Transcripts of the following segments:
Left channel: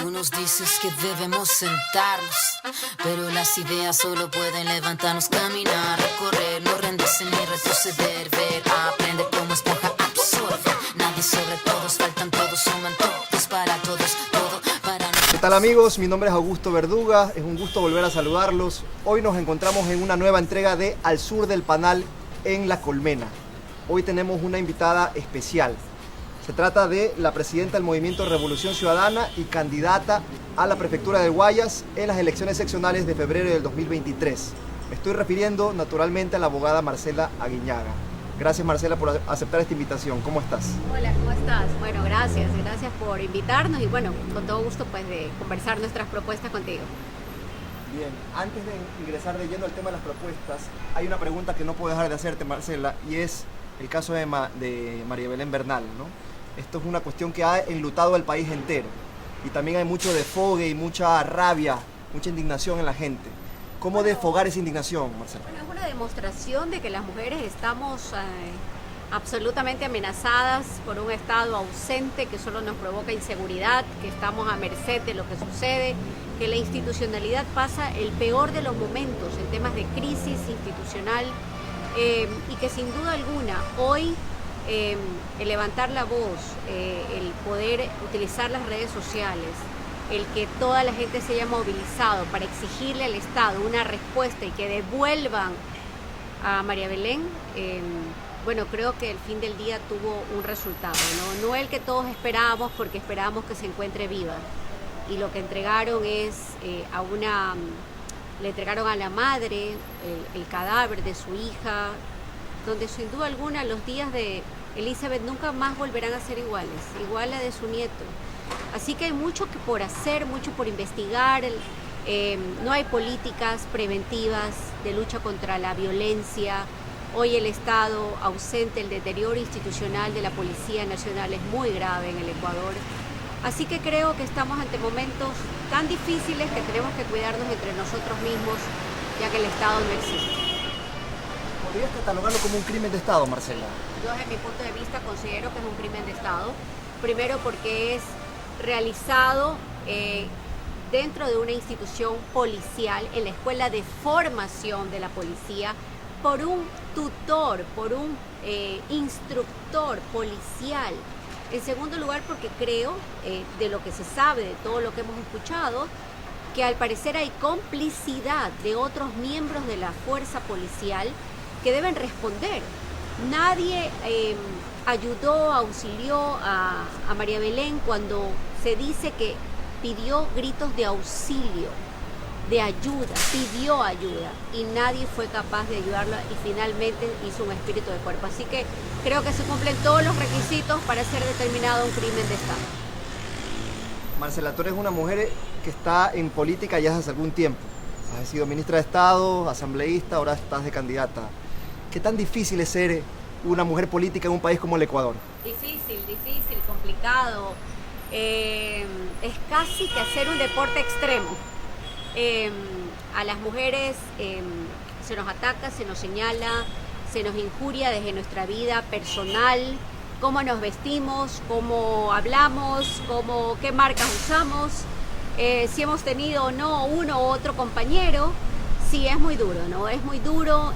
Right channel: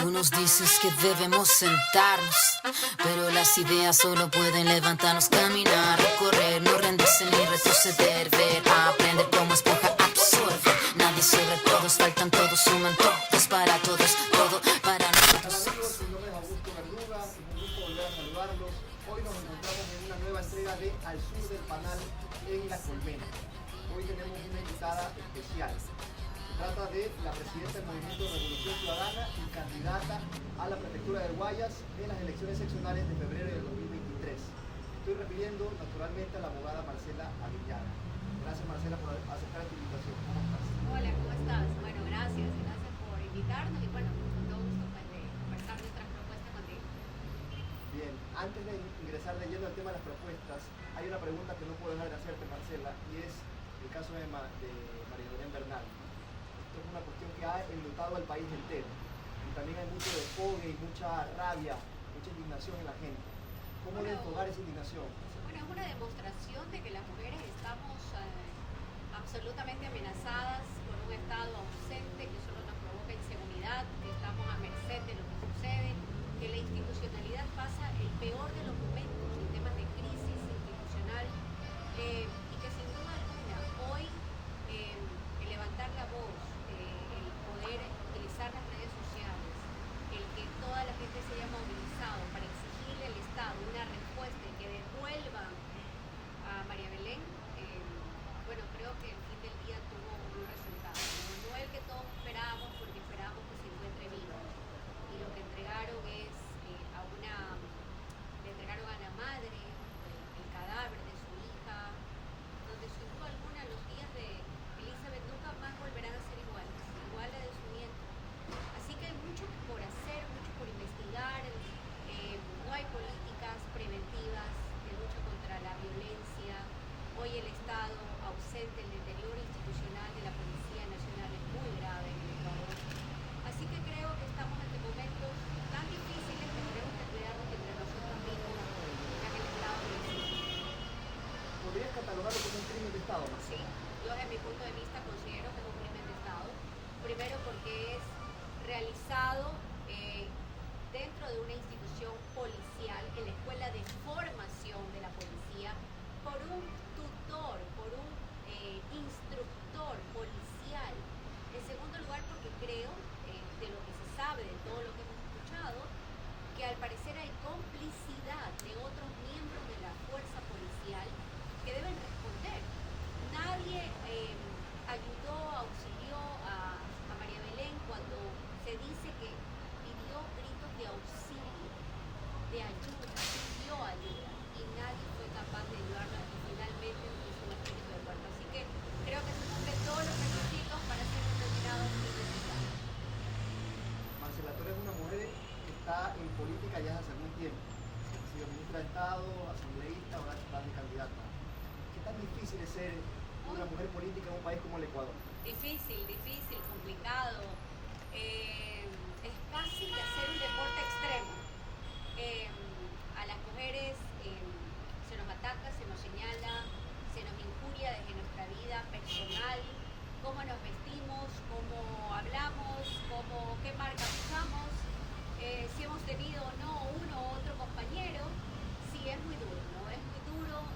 Tú nos dices que debemos sentarnos, pero las ideas solo pueden levantarnos, caminar, recorrer, no rendirse ni retroceder, ver, aprender como esponja, absorber. Nadie sobre todos, faltan todos, suman todos para todos, todo para nosotros. ¿Qué tal amigos? Mi nombre es Augusto Verduga, es un gusto volver a saludarlos. Hoy nos encontramos en una nueva entrega de Al Sur del Panal en La Colmena. Hoy tenemos una invitada especial. Se trata de la presidenta del Movimiento Revolución Ciudadana y candidata a la prefectura de Guayas en las elecciones seccionales de febrero del 2023. Me estoy refiriendo naturalmente a la abogada Marcela Aguiñaga. Gracias Marcela por aceptar esta invitación. ¿Cómo estás? Hola, ¿cómo estás? Bueno, gracias por invitarnos y bueno, con todo gusto pues de conversar nuestras propuestas contigo. Bien, antes de ingresar de lleno al tema de las propuestas, hay una pregunta que no puedo dejar de hacerte Marcela y es el caso de María Belén Bernal, ¿no? Esto es una cuestión que ha enlutado al país entero y también hay mucho desfogue y mucha rabia, mucha indignación en la gente. ¿Cómo desfogar esa indignación, Marcela? Bueno, es una demostración de que las mujeres estamos absolutamente amenazadas por un Estado ausente que solo nos provoca inseguridad, que estamos a merced de lo que sucede, que la institucionalidad pasa el peor de los momentos en temas de crisis institucional y que sin duda alguna hoy el levantar la voz, el poder utilizar las redes sociales, el que toda la gente se haya movilizado para exigirle al Estado una respuesta y que devuelvan a María Belén, bueno, creo que el fin del día tuvo un resultado, no el que todos esperábamos, porque esperábamos que se encuentre viva. Y lo que entregaron es le entregaron a la madre el cadáver de su hija, donde sin duda alguna los días de Elizabeth nunca más volverán a ser iguales, igual a de su nieto. Así que hay mucho por hacer, mucho por investigar. No hay políticas preventivas de lucha contra la violencia. Hoy el Estado ausente, el deterioro institucional de la Policía Nacional es muy grave en el Ecuador. Así que creo que estamos ante momentos tan difíciles que tenemos que cuidarnos entre nosotros mismos, ya que el Estado no existe. ¿Podrías catalogarlo como un crimen de Estado, Marcela? Yo desde mi punto de vista considero que es un crimen de Estado. Primero porque es realizado dentro de una institución policial, en la escuela de formación de la policía, por un tutor, por un instructor policial. En segundo lugar porque creo, de lo que se sabe, de todo lo que hemos escuchado, que al parecer hay complicidad de otros miembros de la fuerza policial que deben responder. Nadie ayudó, auxilió a María Belén cuando se dice que pidió gritos de auxilio, de ayuda, pidió ayuda y nadie fue capaz de ayudarla y finalmente hizo un espíritu de cuerpo. Así que creo que se cumplen todos los requisitos para ser determinado un crimen de Estado. Marcela, tú eres una mujer que está en política ya hace algún tiempo. Has sido ministra de Estado, asambleísta, ahora estás de candidata. ¿Qué tan difícil es ser una mujer política en un país como el Ecuador? Difícil, complicado. Es casi que hacer un deporte extremo. A las mujeres se nos ataca, se nos señala, se nos injuria desde nuestra vida personal, cómo nos vestimos, cómo hablamos, qué marcas usamos, si hemos tenido o no uno u otro compañero. Sí, es muy duro, ¿no? Es muy duro.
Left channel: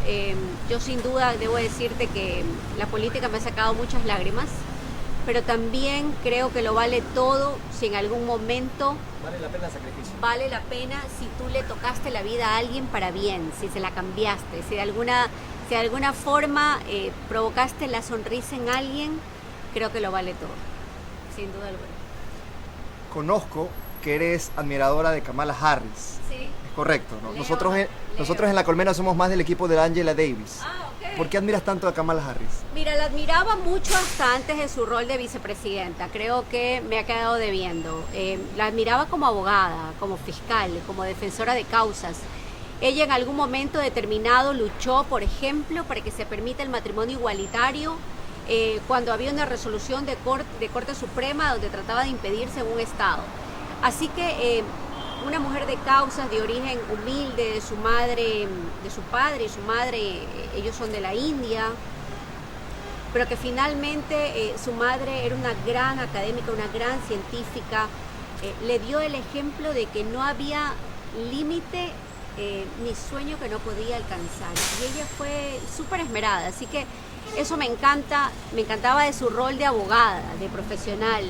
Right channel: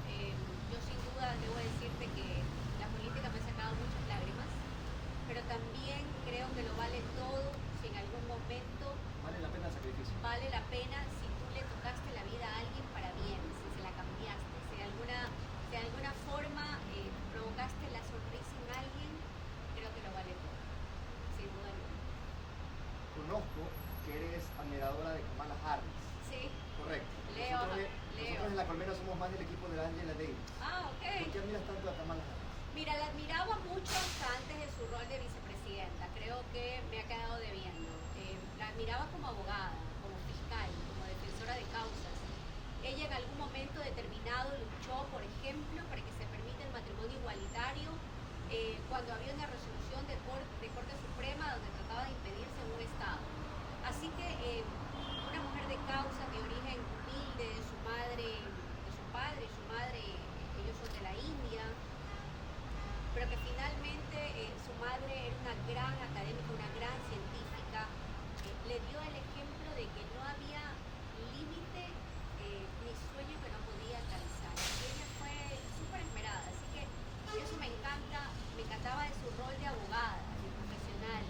Yo sin duda debo decirte que la política me ha sacado muchas lágrimas, pero también creo que lo vale todo si en algún momento... Vale la pena el sacrificio. Vale la pena si tú le tocaste la vida a alguien para bien, si se la cambiaste, si de alguna forma provocaste la sonrisa en alguien, creo que lo vale todo, sin duda alguna. Conozco que eres admiradora de Kamala Harris. Sí. Correcto, ¿no? Leo. Nosotros en La Colmena somos más del equipo de Angela Davis. Ok. ¿Por qué admiras tanto a Kamala Harris? Mira, la admiraba mucho hasta antes de su rol de vicepresidenta. Creo que me ha quedado debiendo. La admiraba como abogada, como fiscal, como defensora de causas. Ella en algún momento determinado luchó, por ejemplo, para que se permita el matrimonio igualitario cuando había una resolución de Corte Suprema donde trataba de impedirse en un estado. Así que... una mujer de causas, de origen humilde, de su madre, de su padre y su madre, ellos son de la India, pero que finalmente su madre era una gran académica, una gran científica, le dio el ejemplo de que no había límite ni sueño que no podía alcanzar. Y ella fue súper esmerada, así que eso me encantaba de su rol de abogada, de profesional.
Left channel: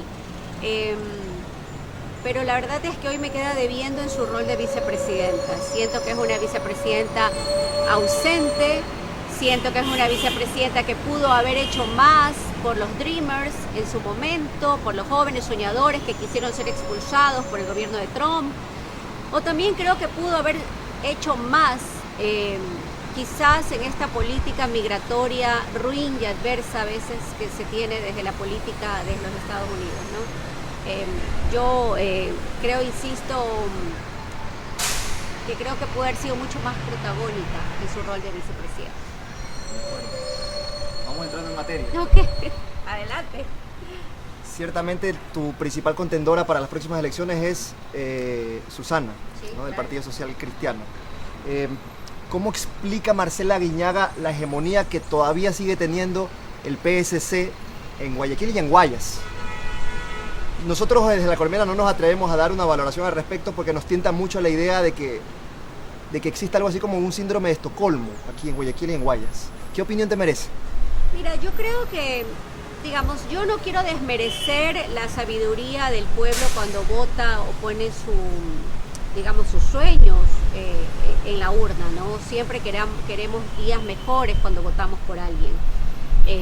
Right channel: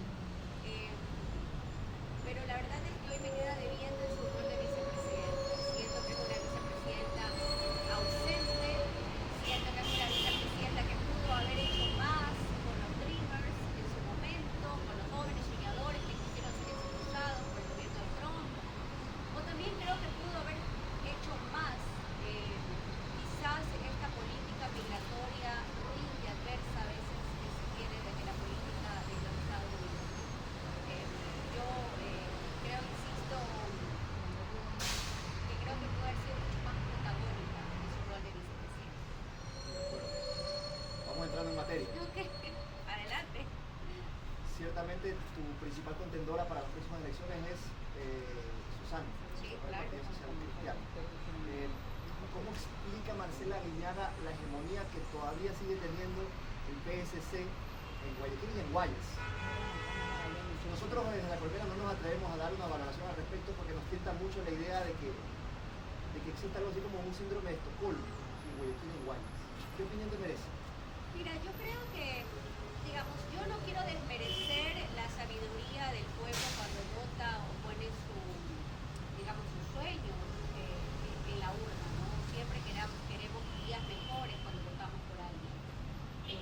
Pero la verdad es que hoy me queda debiendo en su rol de vicepresidenta. Siento que es una vicepresidenta ausente, siento que es una vicepresidenta que pudo haber hecho más por los Dreamers en su momento, por los jóvenes soñadores que quisieron ser expulsados por el gobierno de Trump. O también creo que pudo haber hecho más, quizás en esta política migratoria ruin y adversa a veces que se tiene desde la política de los Estados Unidos, ¿no? Yo creo, insisto, que creo que puede haber sido mucho más protagónica en su rol de vicepresidenta. Vamos entrando en materia. Ok, adelante. Ciertamente tu principal contendora para las próximas elecciones es Susana, Sí, ¿no? Del claro. Partido Social Cristiano. ¿Cómo explica Marcela Guiñaga la hegemonía que todavía sigue teniendo el PSC en Guayaquil y en Guayas? Nosotros desde La Colmena no nos atrevemos a dar una valoración al respecto porque nos tienta mucho la idea de que existe algo así como un síndrome de Estocolmo aquí en Guayaquil y en Guayas. ¿Qué opinión te merece? Mira, yo creo que, digamos, yo no quiero desmerecer la sabiduría del pueblo cuando vota o pone digamos, sus sueños en la urna, ¿no? Siempre queremos días mejores cuando votamos por alguien.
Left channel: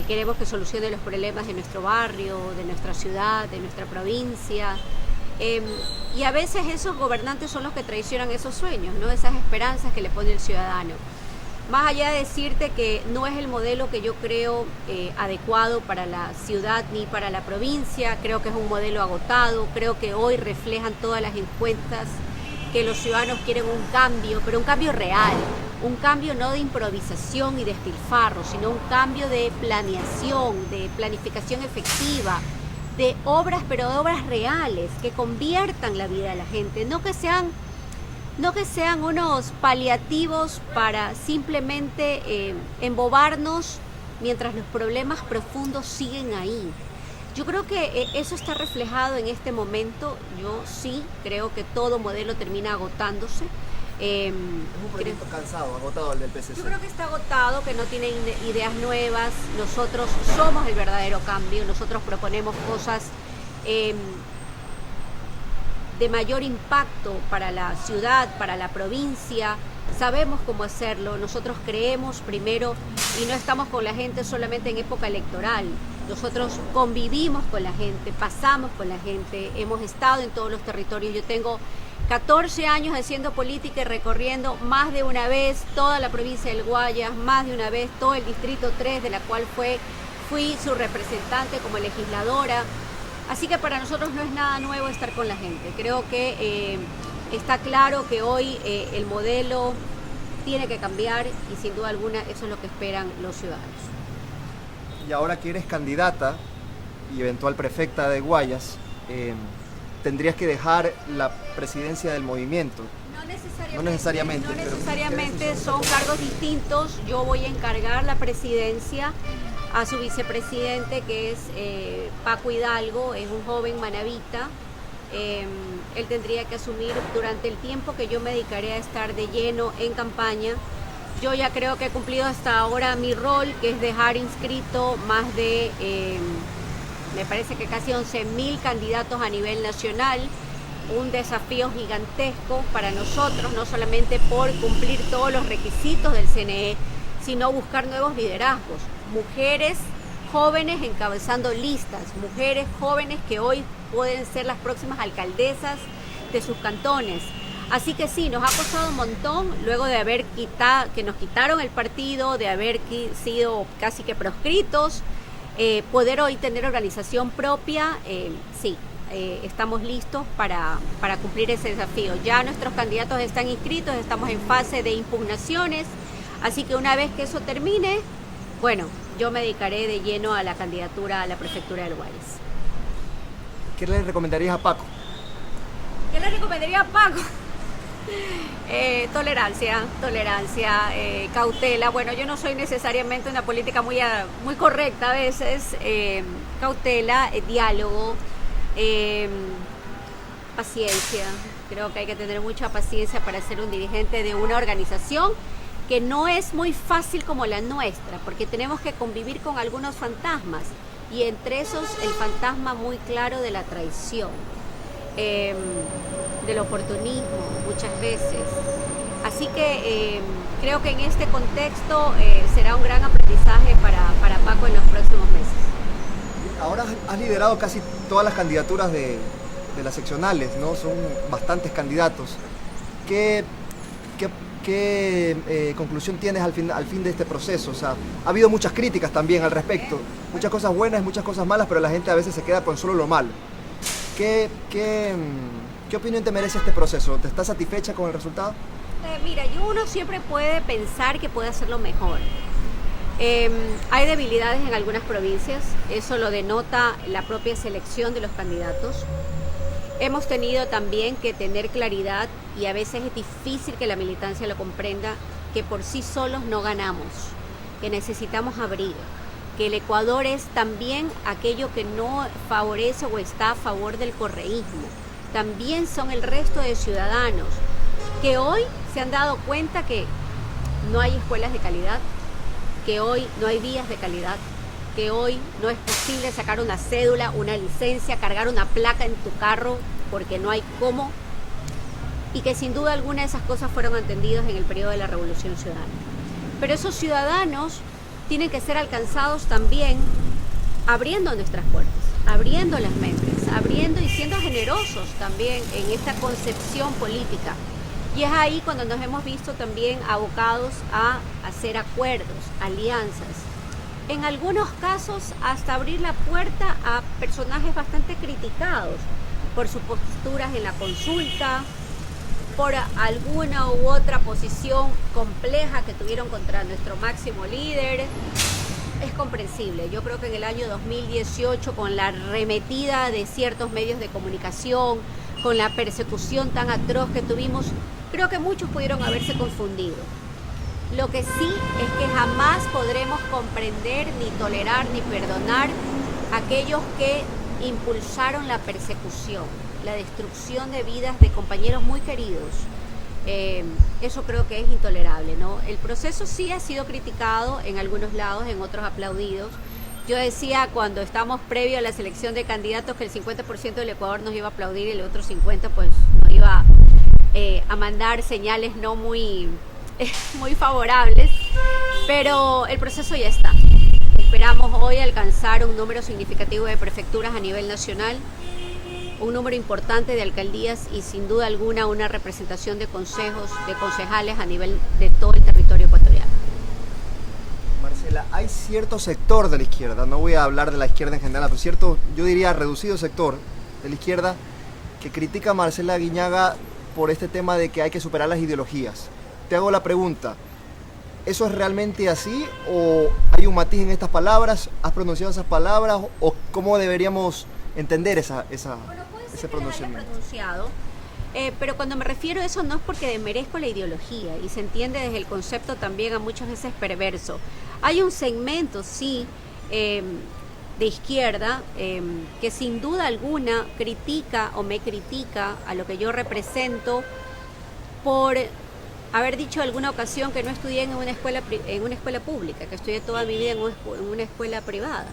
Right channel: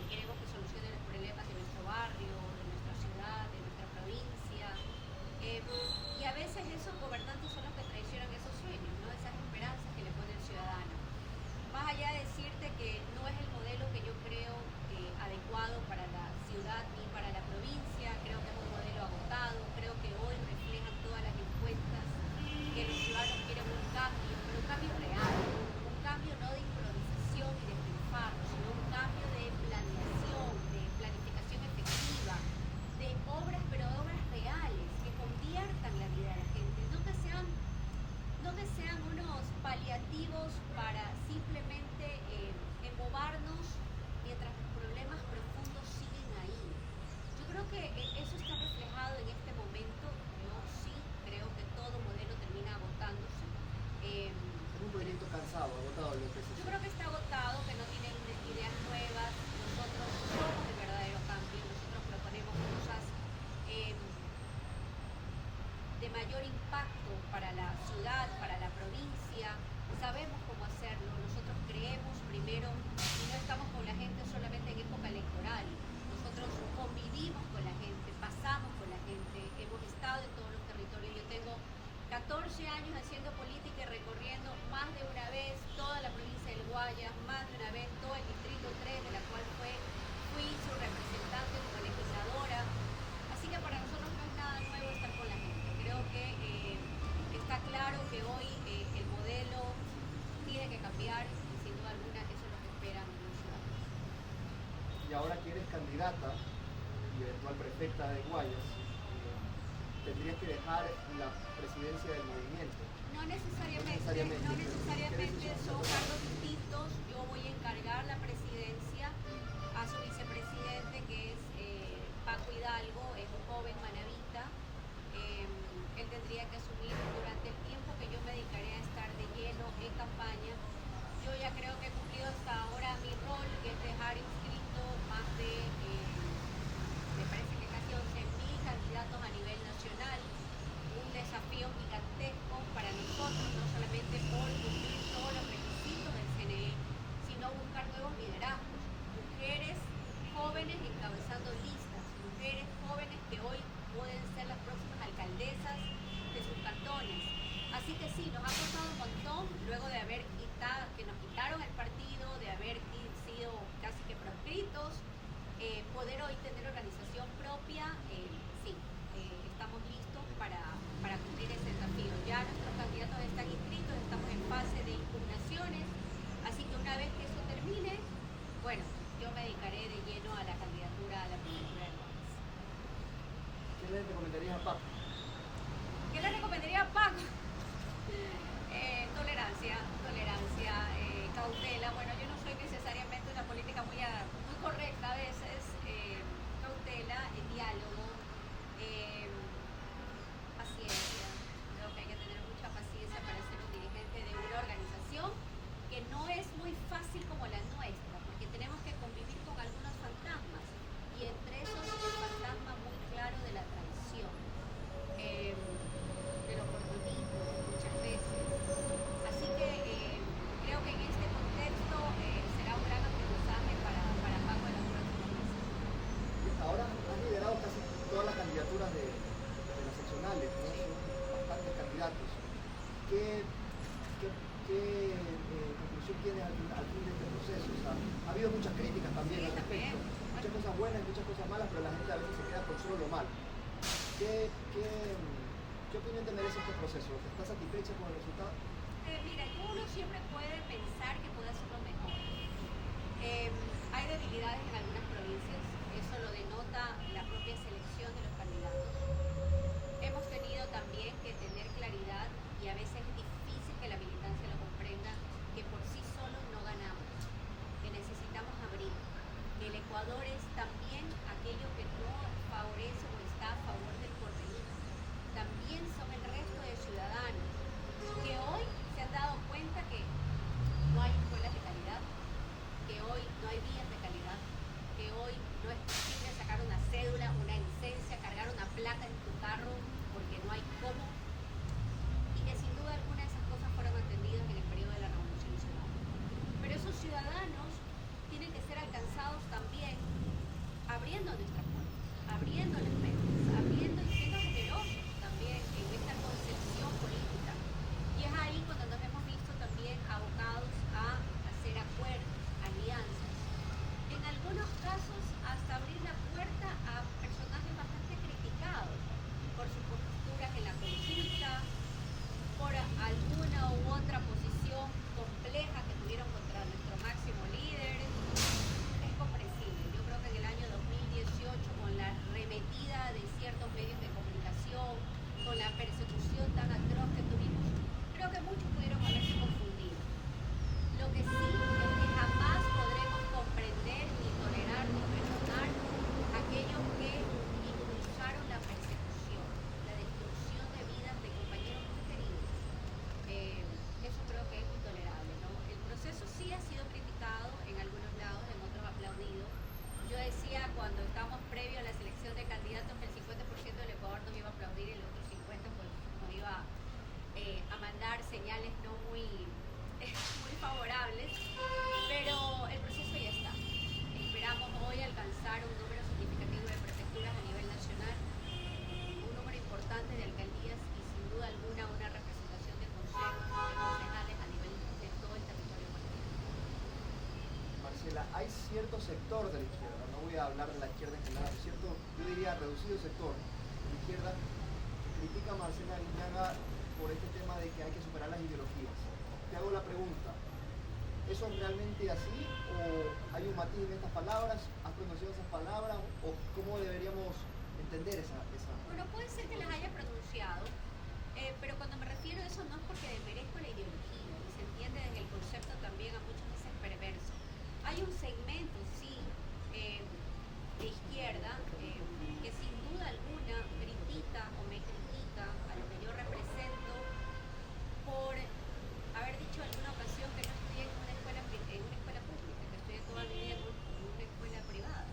Queremos que solucione los problemas de nuestro barrio, de nuestra ciudad, de nuestra provincia. Y a veces esos gobernantes son los que traicionan esos sueños, ¿no? Esas esperanzas que le pone el ciudadano. Más allá de decirte que no es el modelo que yo creo adecuado para la ciudad ni para la provincia, creo que es un modelo agotado, creo que hoy reflejan todas las encuestas que los ciudadanos quieren un cambio, pero un cambio real, un cambio no de improvisación y despilfarro, sino un cambio de planeación, de planificación efectiva, de obras, pero de obras reales, que conviertan la vida de la gente, no que sean unos paliativos para simplemente embobarnos mientras los problemas profundos siguen ahí. Yo creo que eso está reflejado en este momento. Yo sí creo que todo modelo termina agotándose. Es un proyecto cansado, agotado el del PSC. Yo creo que está agotado, que no tiene ideas nuevas. Nosotros somos el verdadero cambio. Nosotros proponemos cosas de mayor impacto para la ciudad, para la provincia. Sabemos cómo hacerlo. Nosotros creemos primero y no estamos con la gente solamente en época electoral. Nosotros convivimos con la gente, pasamos con la gente, hemos estado en todos los territorios. Yo tengo 14 años haciendo política y recorriendo más de una vez toda la provincia del Guayas, más de una vez todo el distrito 3, de la cual fui su representante como legisladora. Así que para nosotros no es nada nuevo estar con la gente. Creo que está claro que hoy el modelo tiene que cambiar y sin duda alguna eso es lo que esperan los ciudadanos. Y ahora que eres candidata y eventual prefecta de Guayas, tendrías que dejar la presidencia del movimiento. No necesariamente. No pero necesariamente, son cargos distintos. Yo voy a encargar la presidencia a su vicepresidente, que es Paco Hidalgo, es un joven manabita. Él tendría que asumir durante el tiempo que yo me dedicaré a estar de lleno en campaña. Yo ya creo que he cumplido hasta ahora mi rol, que es dejar inscrito más de, me parece que casi 11.000 candidatos a nivel nacional. Un desafío gigantesco para nosotros, no solamente por cumplir todos los requisitos del CNE, sino buscar nuevos liderazgos. Mujeres jóvenes encabezando listas, mujeres jóvenes que hoy pueden ser las próximas alcaldesas de sus cantones. Así que sí, nos ha costado un montón, luego de que nos quitaron el partido, de haber sido casi que proscritos, poder hoy tener organización propia, sí, estamos listos para cumplir ese desafío. Ya nuestros candidatos están inscritos, estamos en fase de impugnaciones, así que una vez que eso termine, bueno, yo me dedicaré de lleno a la candidatura a la prefectura del Guayas. ¿Qué le recomendarías a Paco? ¿Qué le recomendaría a Paco? Tolerancia, cautela. Bueno, yo no soy necesariamente una política muy correcta a veces. Cautela, diálogo. Paciencia, creo que hay que tener mucha paciencia para ser un dirigente de una organización que no es muy fácil como la nuestra, porque tenemos que convivir con algunos fantasmas, y entre esos el fantasma muy claro de la traición, del oportunismo muchas veces. Así que creo que en este contexto será un gran aprendizaje para Paco en los próximos meses. Ahora has liderado casi todas las candidaturas de las seccionales, ¿no? Son bastantes candidatos. ¿Qué conclusión tienes al fin de este proceso? O sea, ha habido muchas críticas también al respecto, muchas cosas buenas, muchas cosas malas, pero la gente a veces se queda con solo lo malo. ¿Qué opinión te merece este proceso? ¿Te estás satisfecha con el resultado? Mira, uno siempre puede pensar que puede hacerlo mejor. Hay debilidades en algunas provincias, eso lo denota la propia selección de los candidatos. Hemos tenido también que tener claridad, y a veces es difícil que la militancia lo comprenda, que por sí solos no ganamos, que necesitamos abrir, que el Ecuador es también aquello que no favorece o está a favor del correísmo. También son el resto de ciudadanos que hoy se han dado cuenta que no hay escuelas de calidad, que hoy no hay vías de calidad, que hoy no es posible sacar una cédula, una licencia, cargar una placa en tu carro porque no hay cómo, y que sin duda alguna esas cosas fueron entendidas en el periodo de la Revolución Ciudadana. Pero esos ciudadanos tienen que ser alcanzados también abriendo nuestras puertas, abriendo las mentes, abriendo y siendo generosos también en esta concepción política. Y es ahí cuando nos hemos visto también abocados a hacer acuerdos, alianzas. En algunos casos hasta abrir la puerta a personajes bastante criticados por sus posturas en la consulta, por alguna u otra posición compleja que tuvieron contra nuestro máximo líder. Es comprensible. Yo creo que en el año 2018, con la arremetida de ciertos medios de comunicación, con la persecución tan atroz que tuvimos, creo que muchos pudieron haberse confundido. Lo que sí es que jamás podremos comprender, ni tolerar, ni perdonar a aquellos que impulsaron la persecución, la destrucción de vidas de compañeros muy queridos. Eso creo que es intolerable, ¿no? El proceso sí ha sido criticado en algunos lados, en otros aplaudidos. Yo decía cuando estamos previo a la selección de candidatos que el 50% del Ecuador nos iba a aplaudir y el otro 50% pues nos iba a mandar señales no muy favorables, pero el proceso ya está. Esperamos hoy alcanzar un número significativo de prefecturas a nivel nacional, un número importante de alcaldías y sin duda alguna una representación de consejos, de concejales a nivel de todo el territorio ecuatoriano. Marcela, hay cierto sector de la izquierda, no voy a hablar de la izquierda en general, pero cierto, yo diría reducido sector de la izquierda que critica a Marcela Aguiñaga por este tema de que hay que superar las ideologías. Te hago la pregunta, ¿eso es realmente así o hay un matiz en estas palabras? ¿Has pronunciado esas palabras o cómo deberíamos entender ese pronunciamiento? Pero cuando me refiero a eso no es porque desmerezco la ideología y se entiende desde el concepto también a muchas veces perverso. Hay un segmento, sí, de izquierda que sin duda alguna critica o me critica a lo que yo represento por haber dicho en alguna ocasión que no estudié en una escuela pública, que estudié toda mi vida en una escuela privada.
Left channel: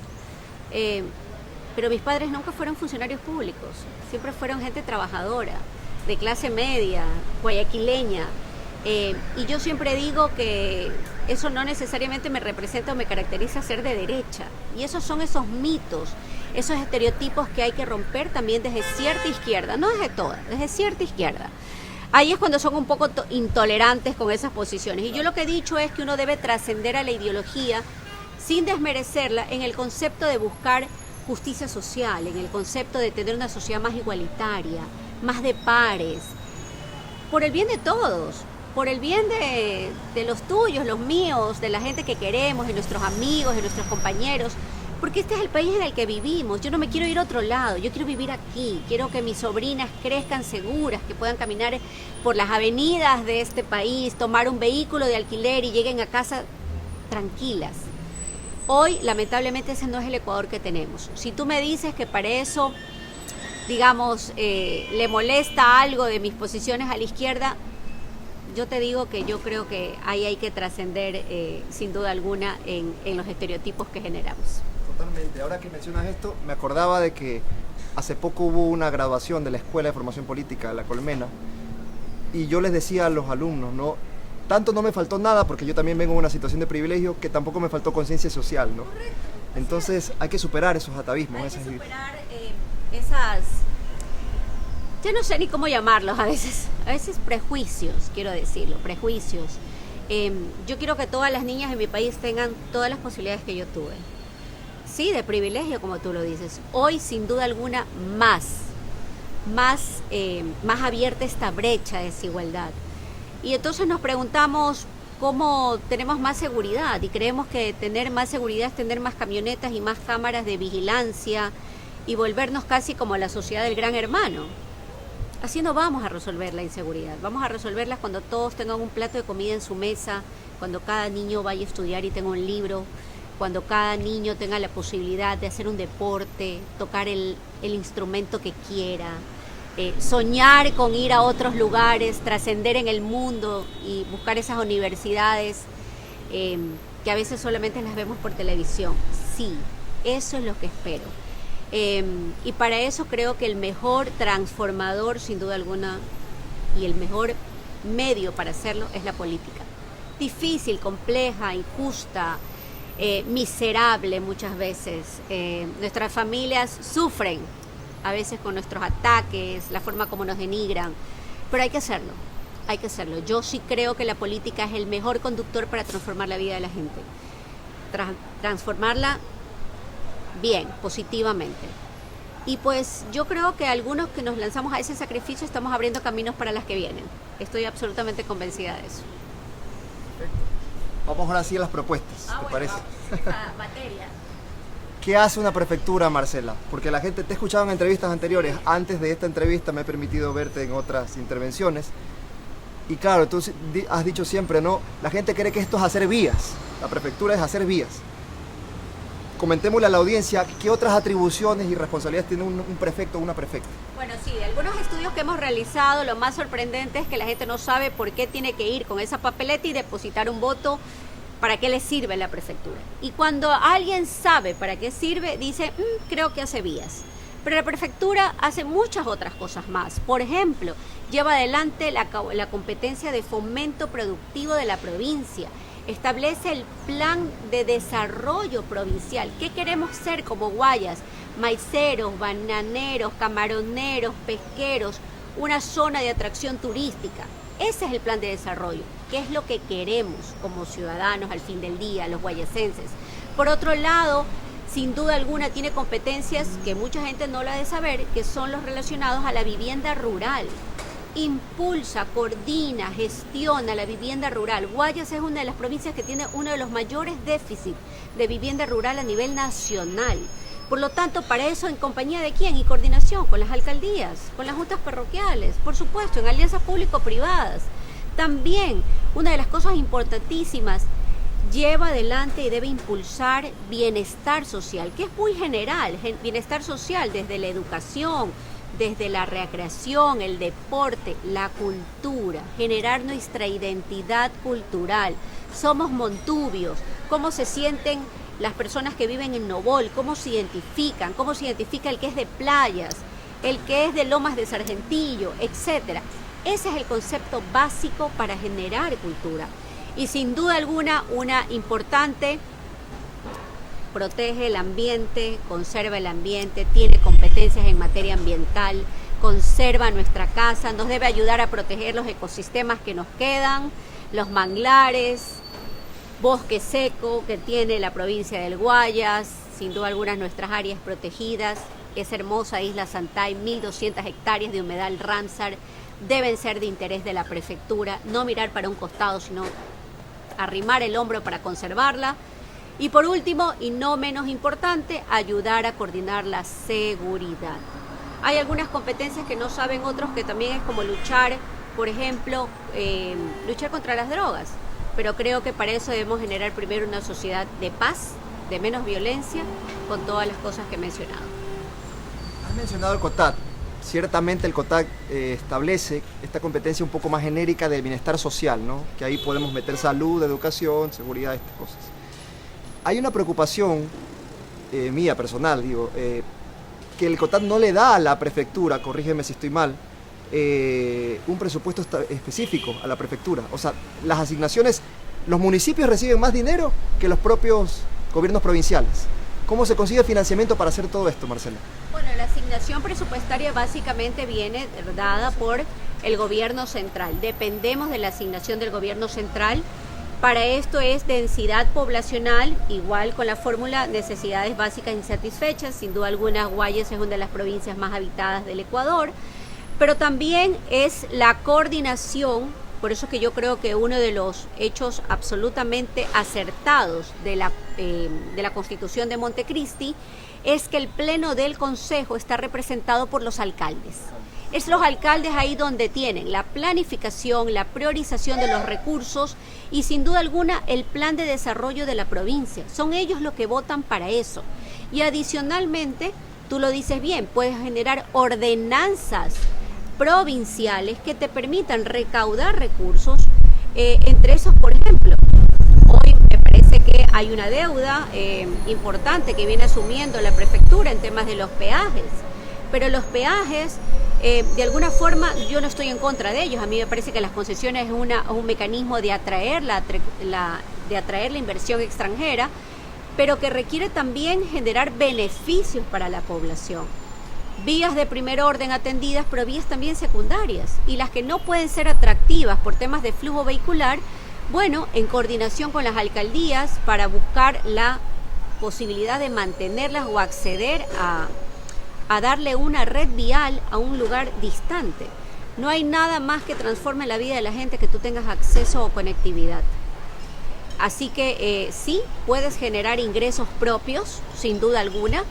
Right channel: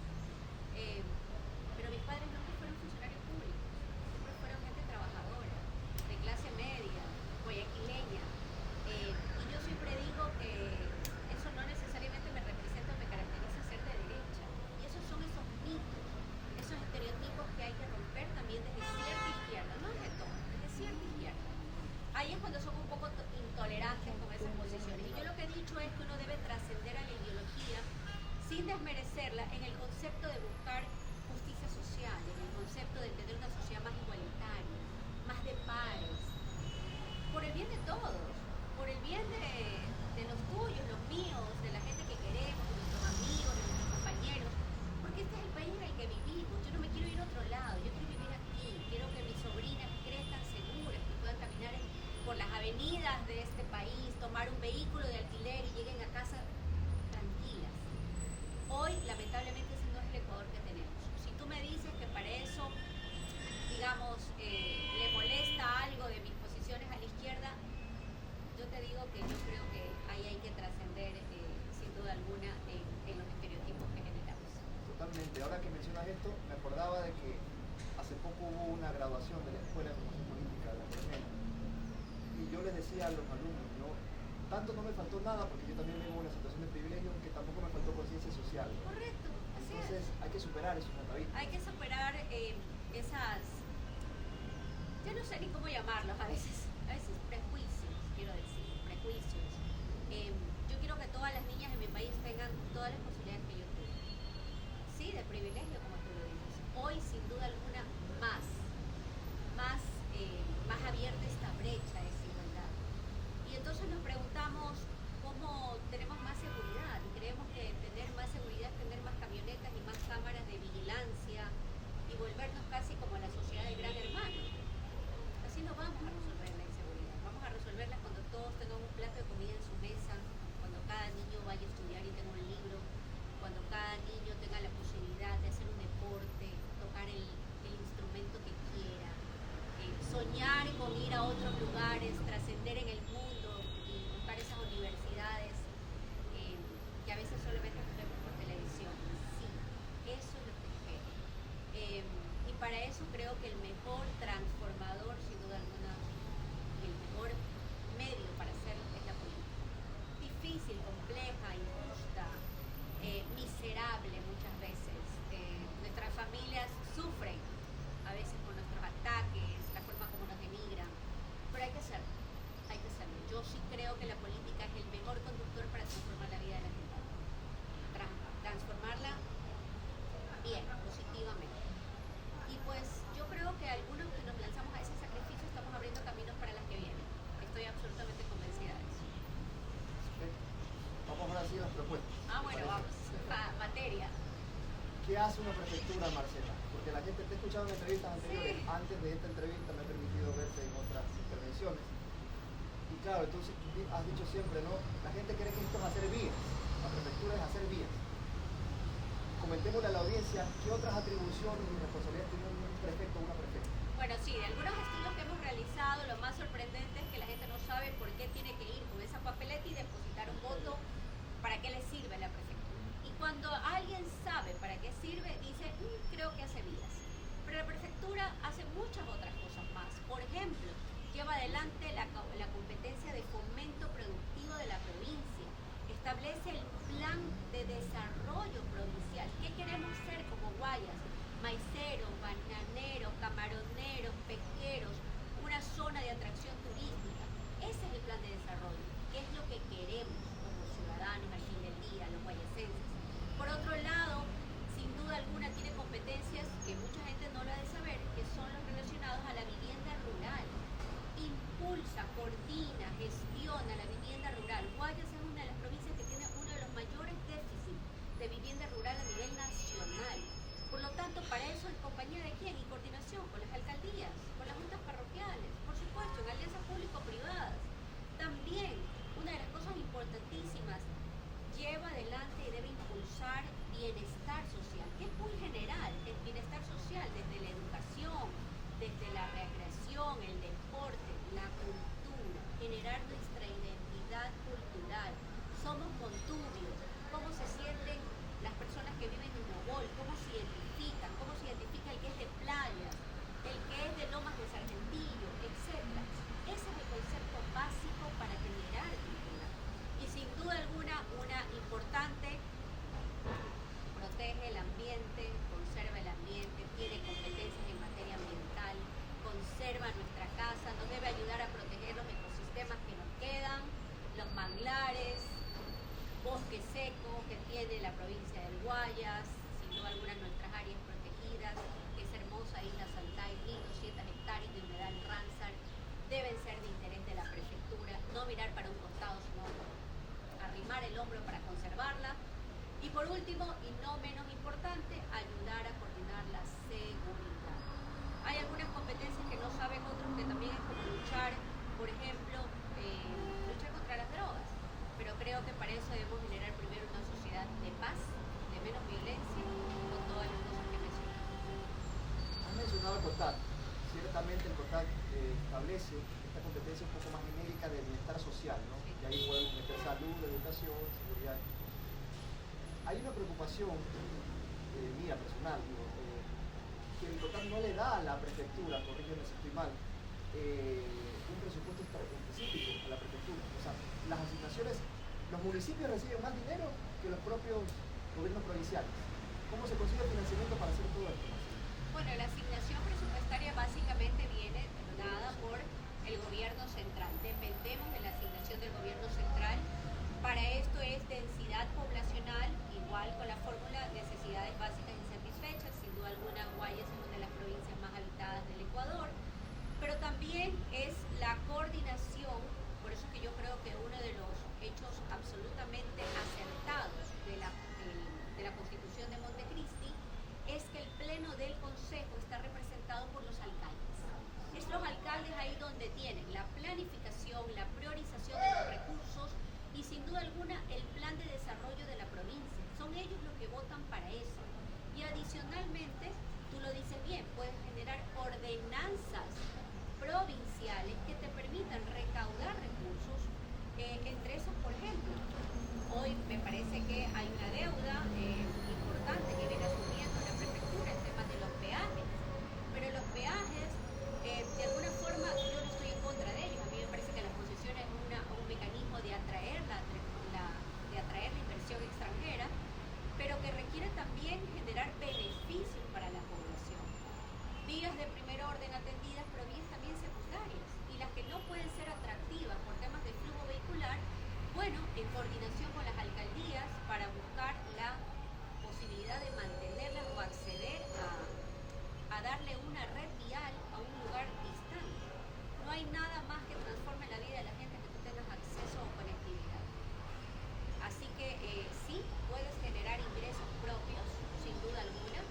Pero mis padres nunca fueron funcionarios públicos, siempre fueron gente trabajadora, de clase media, guayaquileña. Y yo siempre digo que eso no necesariamente me representa o me caracteriza ser de derecha. Y esos son esos mitos, esos estereotipos que hay que romper también desde cierta izquierda, no desde toda, desde cierta izquierda. Ahí es cuando son un poco intolerantes con esas posiciones. Y yo lo que he dicho es que uno debe trascender a la ideología sin desmerecerla en el concepto de buscar justicia social, en el concepto de tener una sociedad más igualitaria, más de pares, por el bien de todos, por el bien de los tuyos, los míos, de la gente que queremos, de nuestros amigos, de nuestros compañeros, porque este es el país en el que vivimos. Yo no me quiero ir a otro lado, yo quiero vivir aquí, quiero que mis sobrinas crezcan seguras, que puedan caminar por las avenidas de este país, tomar un vehículo de alquiler y lleguen a casa tranquilas. Hoy, lamentablemente, ese no es el Ecuador que tenemos. Si tú me dices que para eso digamos, le molesta algo de mis posiciones a la izquierda, yo te digo que yo creo que ahí hay que trascender, sin duda alguna, en los estereotipos que generamos. Totalmente. Ahora que mencionas esto, me acordaba de que hace poco hubo una graduación de la Escuela de Formación Política, La Colmena, y yo les decía a los alumnos, ¿no? Tanto no me faltó nada, porque yo también vengo en una situación de privilegio, que tampoco me faltó conciencia social, ¿no? Entonces hay que superar esos atavismos. Hay que superar esas, yo no sé ni cómo llamarlos, a veces prejuicios, quiero decirlo, prejuicios. Yo quiero que todas las niñas en mi país tengan todas las posibilidades que yo tuve. Sí, de privilegio, como tú lo dices. Hoy, sin duda alguna, más abierta esta brecha de desigualdad. Y entonces nos preguntamos cómo tenemos más seguridad, y creemos que tener más seguridad es tener más camionetas y más cámaras de vigilancia y volvernos casi como la sociedad del gran hermano. Así no vamos a resolver la inseguridad. Vamos a resolverla cuando todos tengan un plato de comida en su mesa, cuando cada niño vaya a estudiar y tenga un libro, cuando cada niño tenga la posibilidad de hacer un deporte, tocar el instrumento que quiera, soñar con ir a otros lugares, trascender en el mundo y buscar esas universidades que a veces solamente las vemos por televisión. Sí, eso es lo que espero. Y para eso creo que el mejor transformador, sin duda alguna, y el mejor medio para hacerlo es la política. Difícil, compleja, injusta, miserable muchas veces. Nuestras familias sufren a veces con nuestros ataques, la forma como nos denigran, pero hay que hacerlo, hay que hacerlo. Yo sí creo que la política es el mejor conductor para transformar la vida de la gente, transformarla bien, positivamente. Y pues yo creo que algunos que nos lanzamos a ese sacrificio estamos abriendo caminos para las que vienen. Estoy absolutamente convencida de eso. Perfecto. Vamos ahora sí a las propuestas, ¿te parece? Materia. ¿Qué hace una prefectura, Marcela? Porque la gente te ha escuchado en entrevistas anteriores. Antes de esta entrevista me he permitido verte en otras intervenciones. Y claro, tú has dicho siempre, ¿no? La gente cree que esto es hacer vías. La prefectura es hacer vías. Comentémosle a la audiencia qué otras atribuciones y responsabilidades tiene un prefecto o una prefecta. Bueno, sí, de algunos estudios que hemos realizado, lo más sorprendente es que la gente no sabe por qué tiene que ir con esa papeleta y depositar un voto. ¿Para qué le sirve la prefectura? Y cuando alguien sabe para qué sirve, dice, creo que hace vías. Pero la prefectura hace muchas otras cosas más. Por ejemplo, lleva adelante la competencia de fomento productivo de la provincia. Establece el plan de desarrollo provincial. ¿Qué queremos ser como Guayas? Maiceros, bananeros, camaroneros, pesqueros, una zona de atracción turística. Ese es el plan de desarrollo. ¿Qué es lo que queremos como ciudadanos al fin del día, los guayasenses? Por otro lado, sin duda alguna tiene competencias que mucha gente no la ha de saber, que son los relacionados a la vivienda rural. Impulsa, coordina, gestiona la vivienda rural. Guayas es una de las provincias que tiene uno de los mayores déficits de vivienda rural a nivel nacional. Por lo tanto, para eso, ¿en compañía de quién? Y coordinación con las alcaldías, con las juntas parroquiales, por supuesto, en alianzas público-privadas. También, una de las cosas importantísimas, lleva adelante y debe impulsar bienestar social, que es muy general, bienestar social desde la educación, desde la recreación, el deporte, la cultura, generar nuestra identidad cultural. Somos montubios, ¿cómo se sienten las personas que viven en Nobol? ¿Cómo se identifican? ¿Cómo se identifica el que es de playas, el que es de Lomas de Sargentillo, etcétera? Ese es el concepto básico para generar cultura. Y sin duda alguna, una importante, protege el ambiente, conserva el ambiente, tiene competencias en materia ambiental, conserva nuestra casa, nos debe ayudar a proteger los ecosistemas que nos quedan, los manglares, bosque seco que tiene la provincia del Guayas, sin duda alguna nuestras áreas protegidas, esa hermosa isla Santay, 1.200 hectáreas de humedal Ramsar, deben ser de interés de la prefectura, no mirar para un costado, sino arrimar el hombro para conservarla. Y por último, y no menos importante, ayudar a coordinar la seguridad. Hay algunas competencias que no saben otros, que también es como luchar, por ejemplo, luchar contra las drogas. Pero creo que para eso debemos generar primero una sociedad de paz, de menos violencia, con todas las cosas que he mencionado. Has mencionado el COTAD. ciertamente el COTAC establece esta competencia un poco más genérica de bienestar social, ¿no? Que ahí podemos meter salud, educación, seguridad, estas cosas. Hay una preocupación mía personal, digo, que el COTAC no le da a la prefectura, corrígeme si estoy mal, un presupuesto específico a la prefectura. O sea, las asignaciones, los municipios reciben más dinero que los propios gobiernos provinciales. ¿Cómo se consigue financiamiento para hacer todo esto, Marcela? Bueno, la asignación presupuestaria básicamente viene dada por el gobierno central. Dependemos de la asignación del gobierno central. Para esto es densidad poblacional, igual con la fórmula necesidades básicas insatisfechas. Sin duda alguna, Guayas es una de las provincias más habitadas del Ecuador, pero también es la coordinación. Por eso que yo creo que uno de los hechos absolutamente acertados de la Constitución de Montecristi es que el Pleno del Consejo está representado por los alcaldes. Es los alcaldes ahí donde tienen la planificación, la priorización de los recursos y sin duda alguna el plan de desarrollo de la provincia. Son ellos los que votan para eso. Y adicionalmente, tú lo dices bien, puedes generar ordenanzas provinciales que te permitan recaudar recursos, entre esos, por ejemplo, hoy me parece que hay una deuda importante que viene asumiendo la prefectura en temas de los peajes, pero los peajes, de alguna forma, yo no estoy en contra de ellos. A mí me parece que las concesiones es un mecanismo de atraer la inversión extranjera, pero que requiere también generar beneficios para la población. Vías de primer orden atendidas, pero vías también secundarias, y las que no pueden ser atractivas por temas de flujo vehicular, bueno, en coordinación con las alcaldías para buscar la posibilidad de mantenerlas o acceder a darle una red vial a un lugar distante. No hay nada más que transforme la vida de la gente que tú tengas acceso o conectividad. Así que sí, puedes generar ingresos propios, sin duda alguna,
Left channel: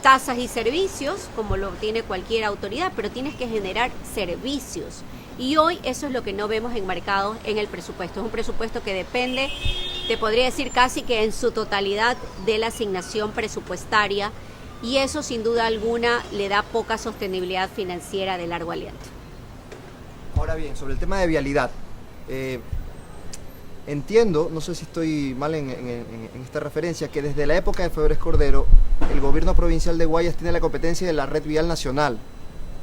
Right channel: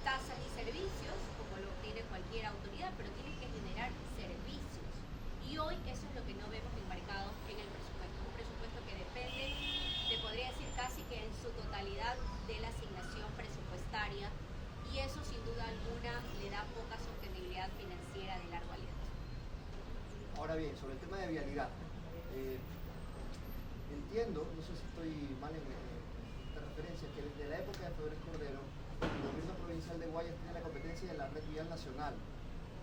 tasas y servicios, como lo tiene cualquier autoridad, pero tienes que generar servicios. Y hoy eso es lo que no vemos enmarcado en el presupuesto. Es un presupuesto que depende, te podría decir casi que en su totalidad, de la asignación presupuestaria, y eso sin duda alguna le da poca sostenibilidad financiera de largo aliento. Ahora bien, sobre el tema de vialidad, entiendo, no sé si estoy mal en esta referencia, que desde la época de Febres Cordero, el gobierno provincial de Guayas tiene la competencia de la red vial nacional.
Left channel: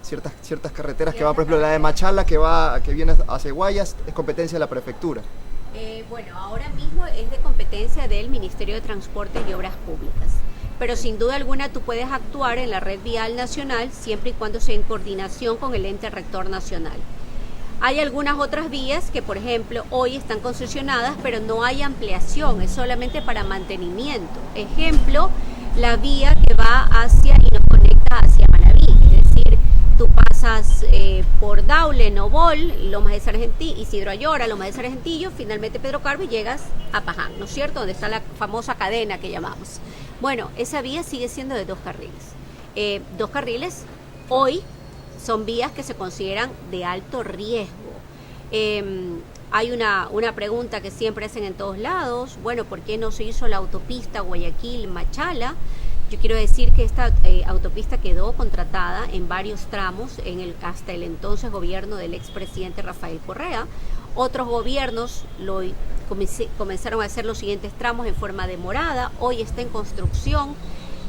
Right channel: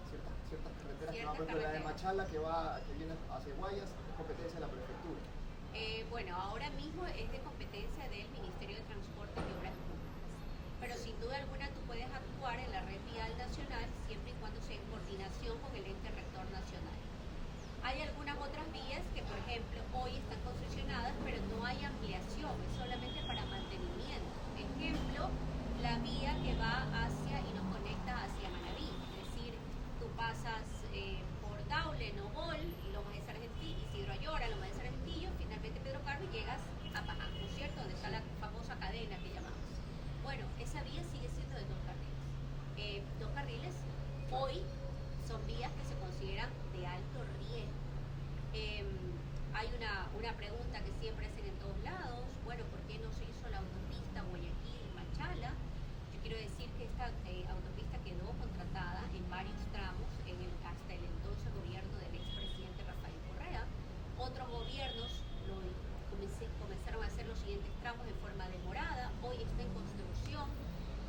Ciertas carreteras que van, por ejemplo, la de Machala, que viene hacia Guayas, es competencia de la prefectura. Bueno, ahora mismo es de competencia del Ministerio de Transportes y Obras Públicas. Pero sin duda alguna tú puedes actuar en la red vial nacional siempre y cuando sea en coordinación con el ente rector nacional. Hay algunas otras vías que, por ejemplo, hoy están concesionadas, pero no hay ampliación, es solamente para mantenimiento. Ejemplo, la vía que va hacia y nos conecta hacia Manabí, es decir, tú pasas por Daule, Nobol, Lomas de Sargentillo, Isidro Ayora, Lomas de Sargentillo, finalmente Pedro Carbo y llegas a Paján, ¿no es cierto? Donde está la famosa cadena que llamamos. Bueno, esa vía sigue siendo de 2 carriles. 2 carriles hoy son vías que se consideran de alto riesgo. Hay una pregunta que siempre hacen en todos lados, bueno, ¿por qué no se hizo la autopista Guayaquil-Machala? Yo quiero decir que esta autopista quedó contratada en varios tramos hasta el entonces gobierno del expresidente Rafael Correa. Otros gobiernos comenzaron a hacer los siguientes tramos en forma demorada, hoy está en construcción.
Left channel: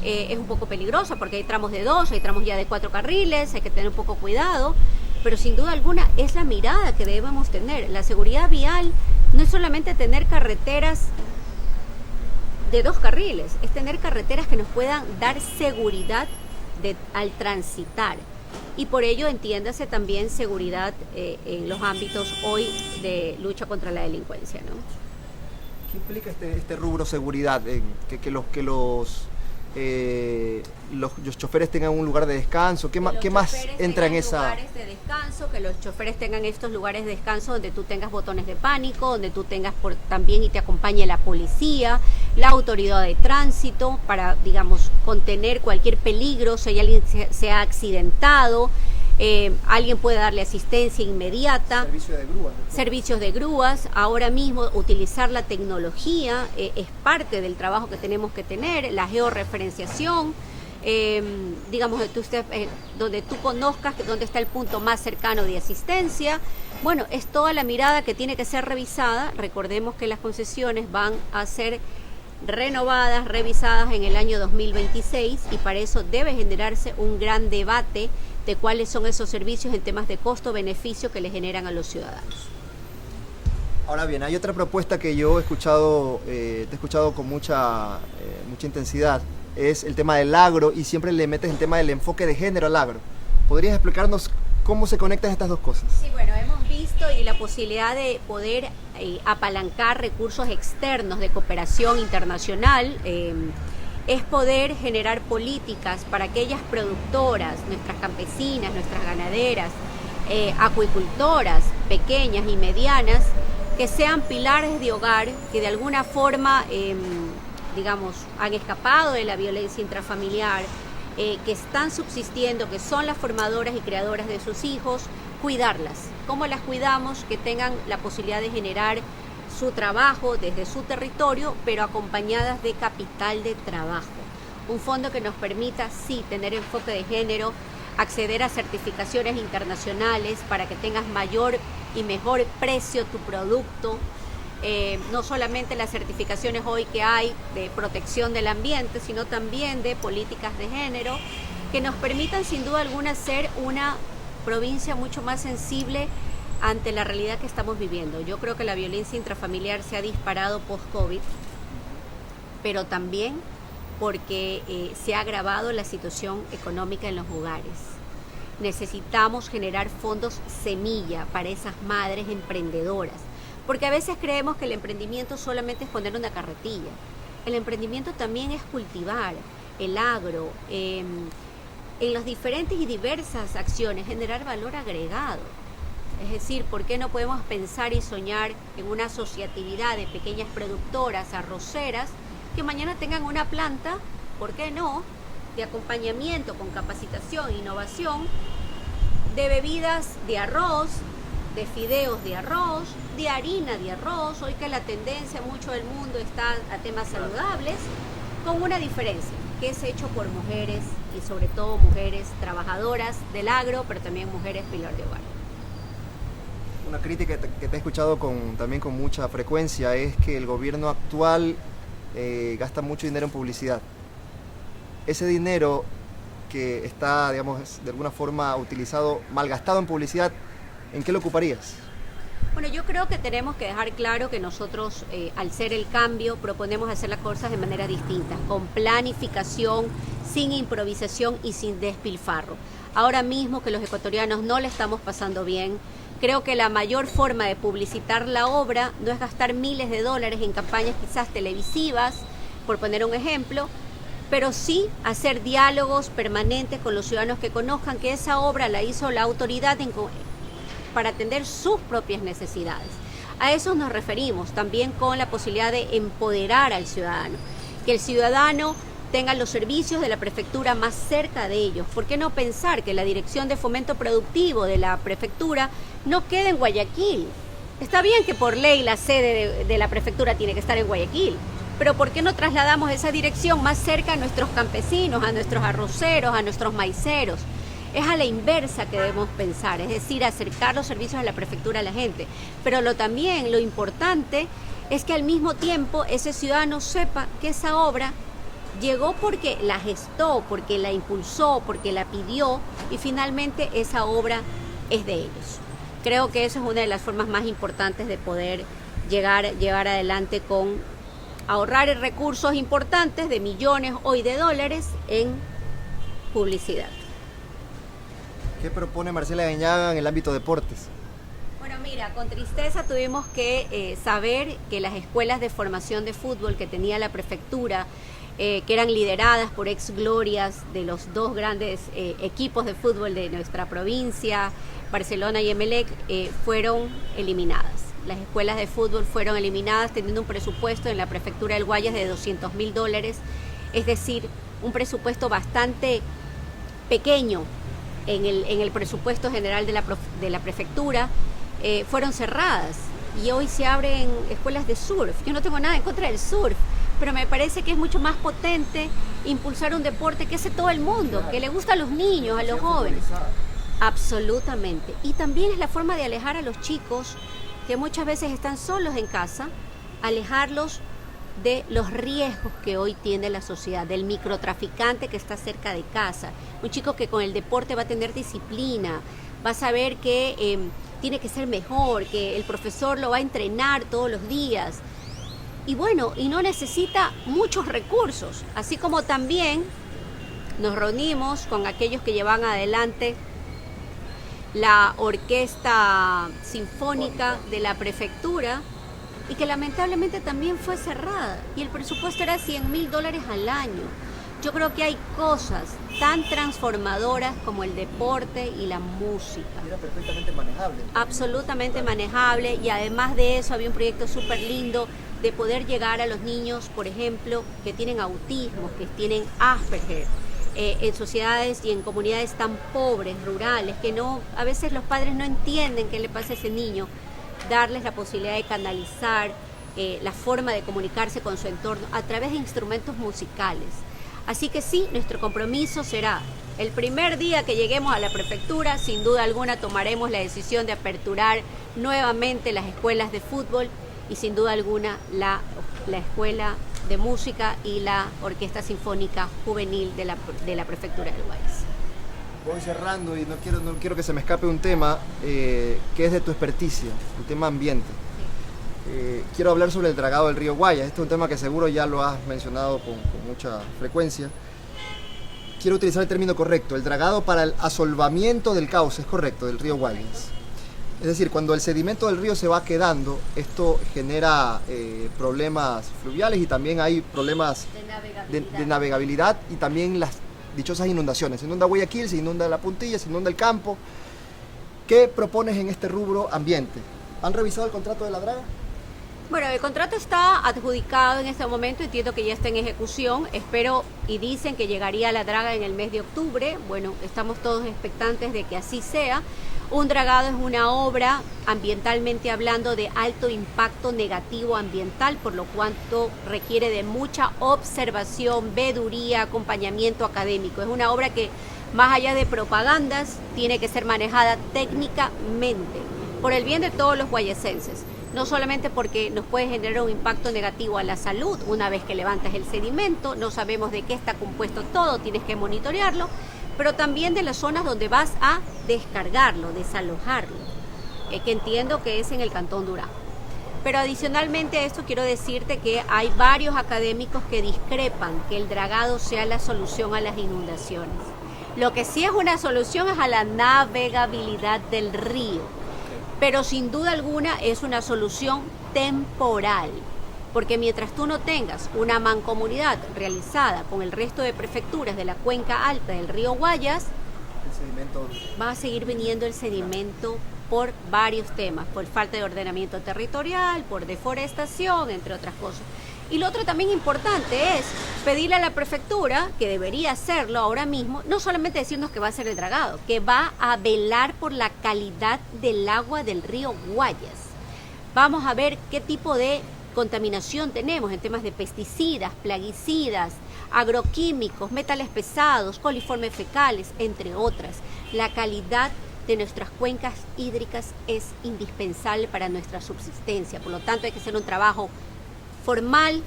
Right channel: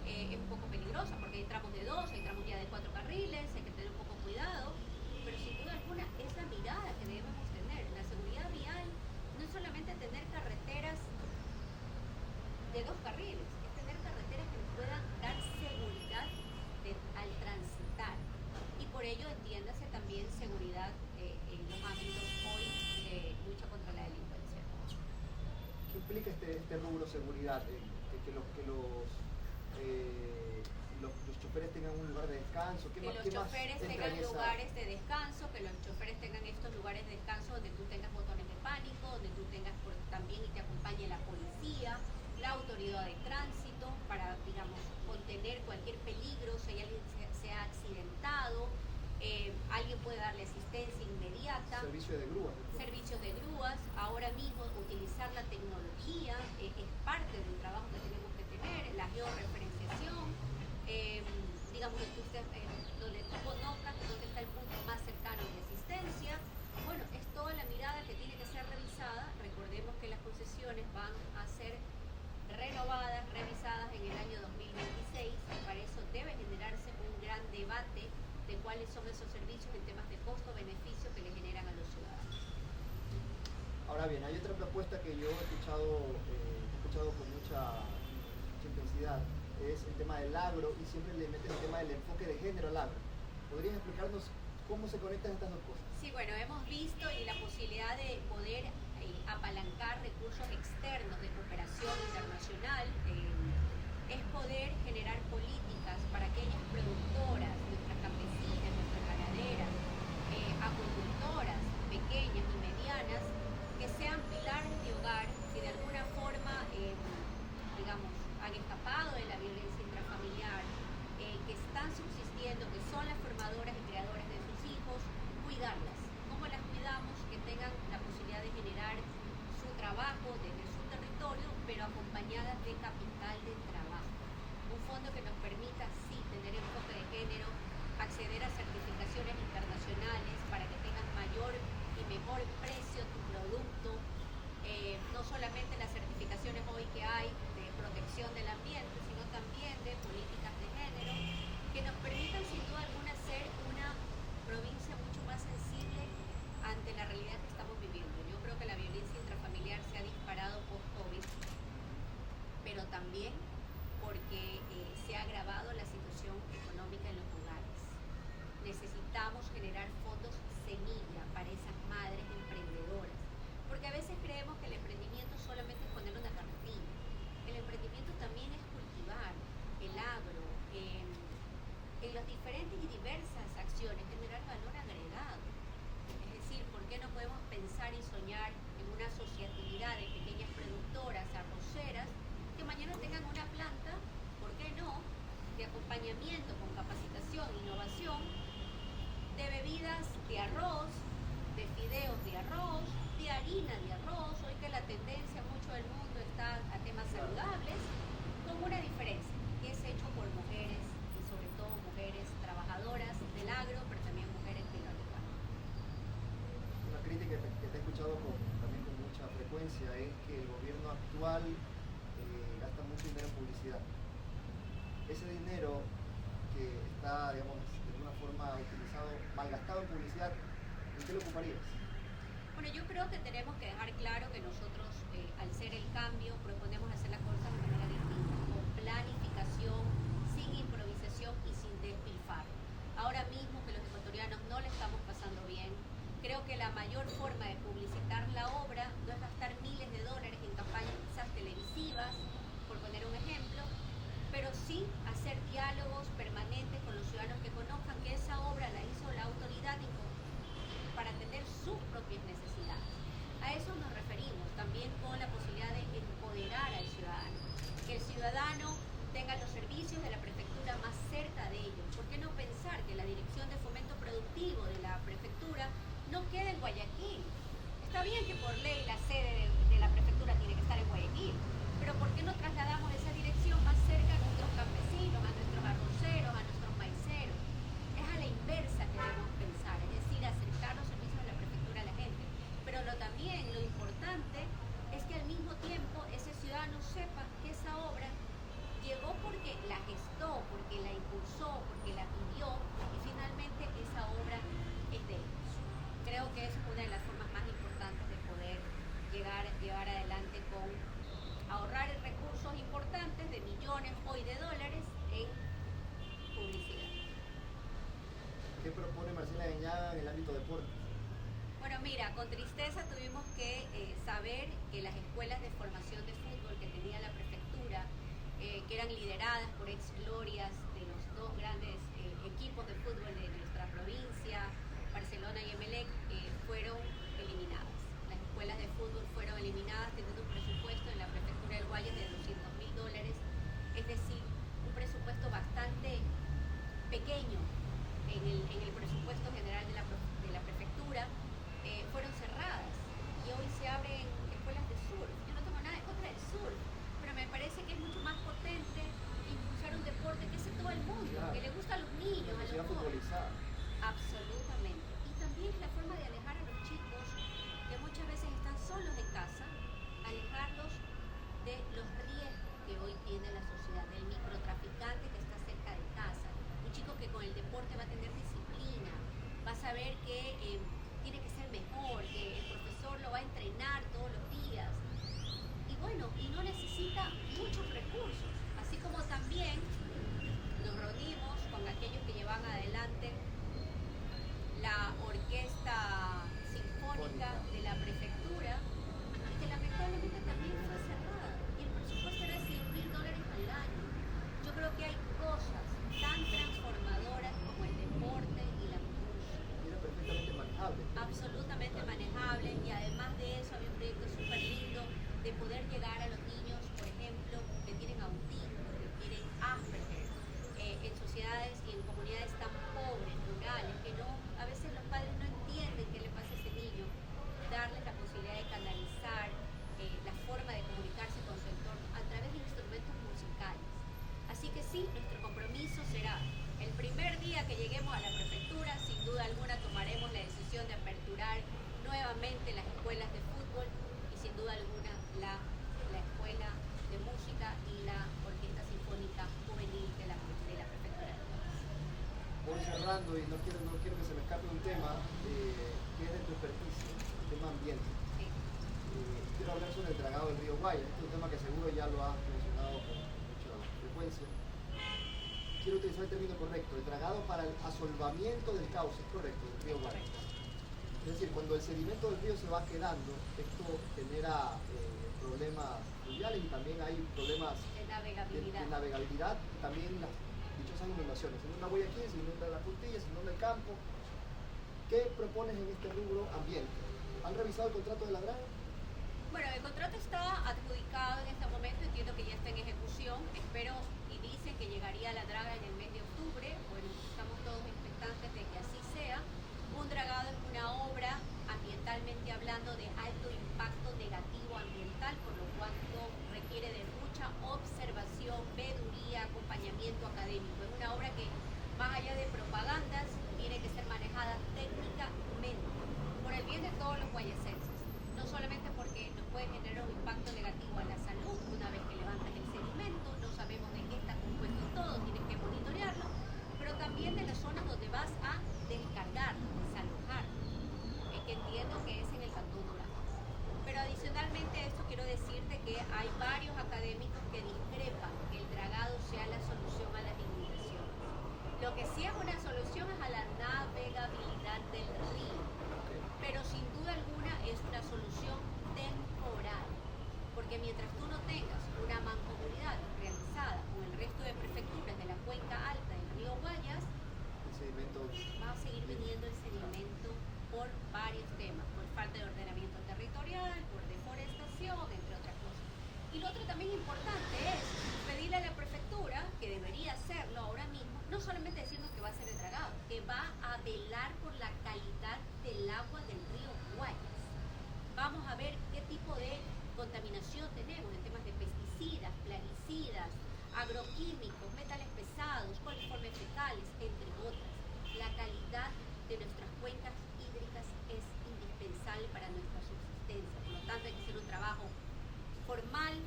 Es un poco peligrosa porque hay tramos de 2, hay tramos ya de 4 carriles, hay que tener un poco cuidado, pero sin duda alguna es la mirada que debemos tener. La seguridad vial no es solamente tener carreteras de 2 carriles, es tener carreteras que nos puedan dar seguridad al transitar. Y por ello entiéndase también seguridad en los ámbitos hoy de lucha contra la delincuencia, ¿no? ¿Qué implica este rubro seguridad? Que los choferes tengan un lugar de descanso. ¿Qué más entra en esa? Lugares de descanso, que los choferes tengan estos lugares de descanso donde tú tengas botones de pánico, donde tú tengas también y te acompañe la policía, la autoridad de tránsito para, digamos, contener cualquier peligro, si hay alguien se ha accidentado, alguien puede darle asistencia inmediata. Servicio de grúas. Servicios de grúas. Ahora mismo utilizar la tecnología es parte del trabajo que tenemos que tener, la georreferenciación. digamos, donde tú conozcas dónde está el punto más cercano de asistencia. Bueno, es toda la mirada que tiene que ser revisada. Recordemos que las concesiones van a ser renovadas, revisadas en el año 2026 y para eso debe generarse un gran debate de cuáles son esos servicios en temas de costo-beneficio que le generan a los ciudadanos. Ahora bien, hay otra propuesta que yo he escuchado, te he escuchado con mucha intensidad, es el tema del agro y siempre le metes el tema del enfoque de género al agro. ¿Podrías explicarnos cómo se conectan estas dos cosas? Sí, bueno, hemos visto y la posibilidad de poder apalancar recursos externos de cooperación internacional es poder generar políticas para aquellas productoras, nuestras campesinas, nuestras ganaderas, acuicultoras pequeñas y medianas, que sean pilares de hogar, que de alguna forma, digamos, han escapado de la violencia intrafamiliar, que están subsistiendo, que son las formadoras y creadoras de sus hijos, cuidarlas. ¿Cómo las cuidamos? Que tengan la posibilidad de generar su trabajo desde su territorio, pero acompañadas de capital de trabajo. Un fondo que nos permita, sí, tener enfoque de género, acceder a certificaciones internacionales para que tengas mayor y mejor precio tu producto. No solamente las certificaciones hoy que hay de protección del ambiente, sino también de políticas de género, que nos permitan sin duda alguna ser una provincia mucho más sensible ante la realidad que estamos viviendo. Yo creo que la violencia intrafamiliar se ha disparado post-COVID, pero también porque se ha agravado la situación económica en los hogares. Necesitamos generar fondos semilla para esas madres emprendedoras, porque a veces creemos que el emprendimiento solamente es poner una carretilla. El emprendimiento también es cultivar el agro, en las diferentes y diversas acciones, generar valor agregado. Es decir, ¿por qué no podemos pensar y soñar en una asociatividad de pequeñas productoras, arroceras, que mañana tengan una planta, ¿por qué no?, de acompañamiento con capacitación e innovación, de bebidas de arroz, de fideos de arroz, de harina de arroz, hoy que la tendencia mucho del mundo está a temas saludables, con una diferencia, que es hecho por mujeres y sobre todo mujeres trabajadoras del agro, pero también mujeres pilar de hogar. Una crítica que te he escuchado también con mucha frecuencia es que el gobierno actual gasta mucho dinero en publicidad. Ese dinero que está, digamos, de alguna forma utilizado, malgastado en publicidad, ¿en qué lo ocuparías? Bueno, yo creo que tenemos que dejar claro que nosotros, al ser el cambio, proponemos hacer las cosas de manera distinta, con planificación, sin improvisación y sin despilfarro. Ahora mismo que los ecuatorianos no le estamos pasando bien, creo que la mayor forma de publicitar la obra no es gastar miles de dólares en campañas quizás televisivas, por poner un ejemplo, pero sí hacer diálogos permanentes con los ciudadanos que conozcan que esa obra la hizo la autoridad para atender sus propias necesidades. A eso nos referimos, también con la posibilidad de empoderar al ciudadano, que el ciudadano tenga los servicios de la prefectura más cerca de ellos. ¿Por qué no pensar que la Dirección de Fomento Productivo de la prefectura no quede en Guayaquil? Está bien que por ley la sede de la prefectura tiene que estar en Guayaquil, pero ¿por qué no trasladamos esa dirección más cerca a nuestros campesinos, a nuestros arroceros, a nuestros maiceros? Es a la inversa que debemos pensar, es decir, acercar los servicios de la prefectura a la gente. Pero también lo importante es que al mismo tiempo ese ciudadano sepa que esa obra llegó porque la gestó, porque la impulsó, porque la pidió y finalmente esa obra es de ellos. Creo que eso es una de las formas más importantes de poder llevar adelante con ahorrar recursos importantes de millones hoy de dólares en publicidad. ¿Qué propone Marcela Guiñaga en el ámbito deportes? Bueno, mira, con tristeza tuvimos que saber que las escuelas de formación de fútbol que tenía la prefectura, que eran lideradas por ex glorias de los dos grandes equipos de fútbol de nuestra provincia, Barcelona y Emelec, fueron eliminadas. Las escuelas de fútbol fueron eliminadas teniendo un presupuesto en la prefectura del Guayas de $200.000, es decir, un presupuesto bastante pequeño en el presupuesto general de la prefectura. Fueron cerradas y hoy se abren escuelas de surf. Yo no tengo nada en contra del surf, pero me parece que es mucho más potente impulsar un deporte que hace todo el mundo, que le gusta a los niños, a los jóvenes. Absolutamente. Y también es la forma de alejar a los chicos que muchas veces están solos en casa, alejarlos de los riesgos que hoy tiene la sociedad, del microtraficante que está cerca de casa, un chico que con el deporte va a tener disciplina, va a saber que tiene que ser mejor, que el profesor lo va a entrenar todos los días. Y bueno, y no necesita muchos recursos, así como también nos reunimos con aquellos que llevan adelante la orquesta sinfónica de la prefectura y que lamentablemente también fue cerrada y el presupuesto era $100,000 al año. Yo creo que hay cosas tan transformadoras como el deporte y la música. Era perfectamente manejable. Absolutamente manejable, y además de eso había un proyecto súper lindo de poder llegar a los niños, por ejemplo, que tienen autismo, que tienen Asperger, en sociedades y en comunidades tan pobres, rurales, que no, a veces los padres no entienden qué le pasa a ese niño, darles la posibilidad de canalizar la forma de comunicarse con su entorno a través de instrumentos musicales. Así que sí, nuestro compromiso será, el primer día que lleguemos a la prefectura, sin duda alguna tomaremos la decisión de aperturar nuevamente las escuelas de fútbol y sin duda alguna la escuela de música y la orquesta sinfónica juvenil de la prefectura del Guayas. Voy cerrando y no quiero que se me escape un tema que es de tu experticia, el tema ambiente. Quiero hablar sobre el dragado del río Guayas. Este es un tema que seguro ya lo has mencionado con mucha frecuencia. Quiero utilizar el término correcto, el dragado para el asolvamiento del cauce, es correcto, del río Guayas. Es decir, cuando el sedimento del río se va quedando, esto genera problemas fluviales y también hay problemas de navegabilidad y también las dichosas inundaciones. Se inunda Guayaquil, se inunda La Puntilla, se inunda el campo. ¿Qué propones en este rubro ambiente? ¿Han revisado el contrato de la draga? Bueno, el contrato está adjudicado en este momento, entiendo que ya está en ejecución, espero y dicen que llegaría la draga en el mes de octubre, bueno, estamos todos expectantes de que así sea. Un dragado es una obra, ambientalmente hablando, de alto impacto negativo ambiental, por lo cuanto requiere de mucha observación, veeduría, acompañamiento académico. Es una obra que, más allá de propagandas, tiene que ser manejada técnicamente, por el bien de todos los guayasenses. No solamente porque nos puede generar un impacto negativo a la salud una vez que levantas el sedimento, no sabemos de qué está compuesto todo, tienes que monitorearlo, pero también de las zonas donde vas a descargarlo, desalojarlo, que entiendo que es en el Cantón Durán. Pero adicionalmente a esto quiero decirte que hay varios académicos que discrepan que el dragado sea la solución a las inundaciones. Lo que sí es una solución es a la navegabilidad del río, pero sin duda alguna es una solución temporal, porque mientras tú no tengas una mancomunidad realizada con el resto de prefecturas de la cuenca alta del río Guayas, va a seguir viniendo el sedimento por varios temas, por falta de ordenamiento territorial, por deforestación, entre otras cosas. Y lo otro también importante es pedirle a la prefectura, que debería hacerlo ahora mismo, no solamente decirnos que va a hacer el dragado, que va a velar por la calidad del agua del río Guayas. Vamos a ver qué tipo de contaminación tenemos en temas de pesticidas, plaguicidas, agroquímicos, metales pesados, coliformes fecales, entre otras. La calidad de nuestras cuencas hídricas es indispensable para nuestra subsistencia, por lo tanto hay que hacer un trabajo formal,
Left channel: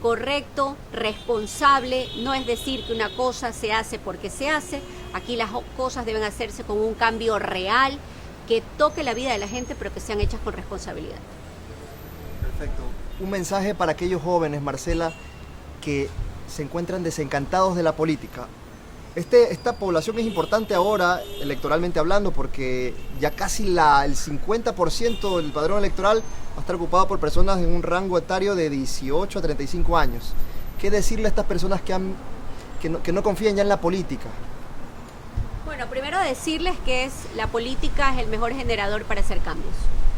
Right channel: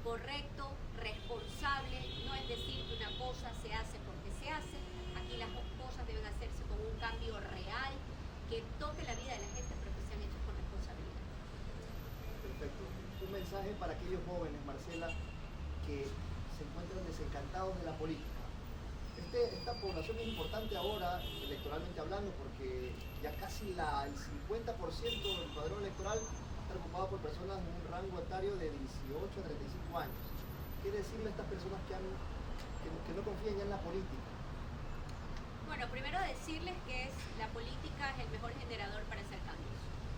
correcto, responsable. No es decir que una cosa se hace porque se hace. Aquí las cosas deben hacerse con un cambio real que toque la vida de la gente, pero que sean hechas con responsabilidad. Perfecto. Un mensaje para aquellos jóvenes, Marcela, que se encuentran desencantados de la política. Esta población es importante ahora, electoralmente hablando, porque ya casi el 50% del padrón electoral va a estar ocupado por personas en un rango etario de 18 a 35 años. ¿Qué decirle a estas personas que no confían ya en la política? Bueno, primero decirles que la política es el mejor generador para hacer cambios,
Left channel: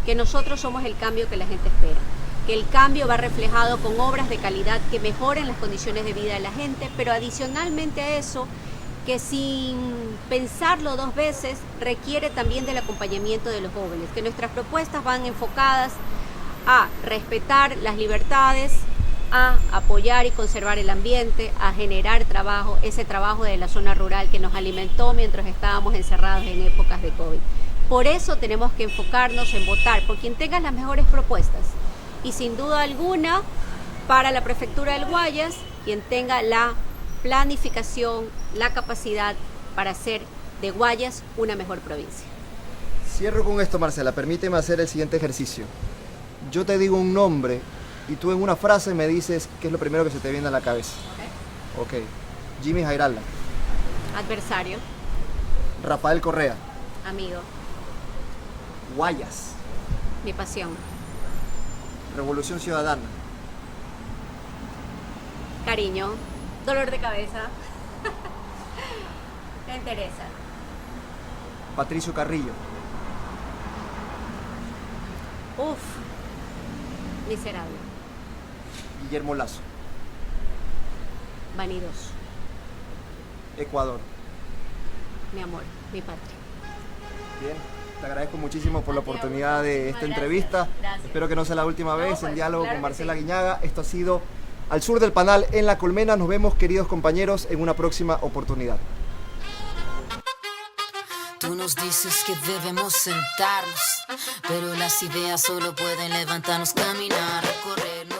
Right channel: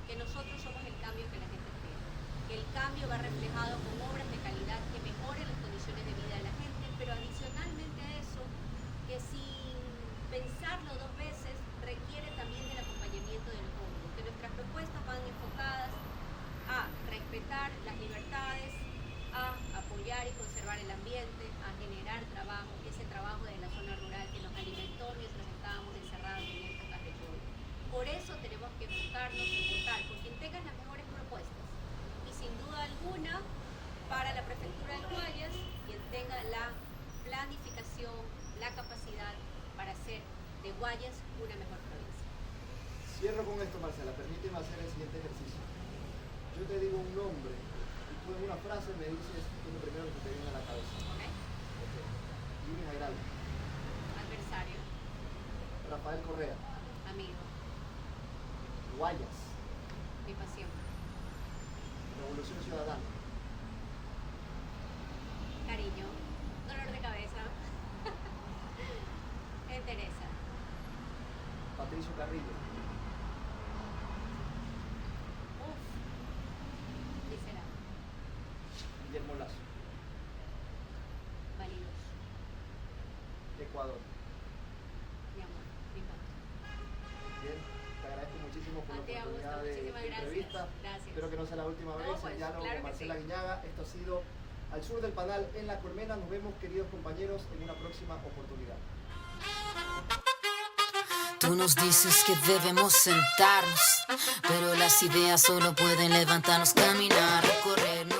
que nosotros somos el cambio que la gente espera, que el cambio va reflejado con obras de calidad que mejoren las condiciones de vida de la gente, pero adicionalmente a eso, que sin pensarlo dos veces requiere también del acompañamiento de los jóvenes, que nuestras propuestas van enfocadas a respetar las libertades, a apoyar y conservar el ambiente, a generar trabajo, ese trabajo de la zona rural que nos alimentó mientras estábamos encerrados en épocas de COVID. Por eso tenemos que enfocarnos en votar por quien tenga las mejores propuestas. Y sin duda alguna, para la Prefectura del Guayas, quien tenga la planificación, la capacidad para hacer de Guayas una mejor provincia. Cierro con esto, Marcela. Permíteme hacer el siguiente ejercicio. Yo te digo un nombre y tú en una frase me dices qué es lo primero que se te viene a la cabeza. Ok. Jimmy Jairala. Adversario. Rafael Correa. Amigo. Guayas. Mi pasión. Revolución Ciudadana. Cariño. Dolor de cabeza. Me interesa. Patricio Carrillo. Uf. Miserable. Guillermo Lazo. Vanidoso. Ecuador. Mi amor. Mi patria. Bien. Te agradezco muchísimo por la A ti, oportunidad de esta muchísimas entrevista. gracias. Gracias. Espero que no sea la última vez pues, en diálogo claro con que Marcela sí. Guiñaga. Esto ha sido Al Sur del Panal en La Colmena. Nos vemos, queridos compañeros, en una próxima oportunidad. Tú nos dices que debemos sentarnos, pero las ideas solo pueden levantarnos, caminar, recorrer.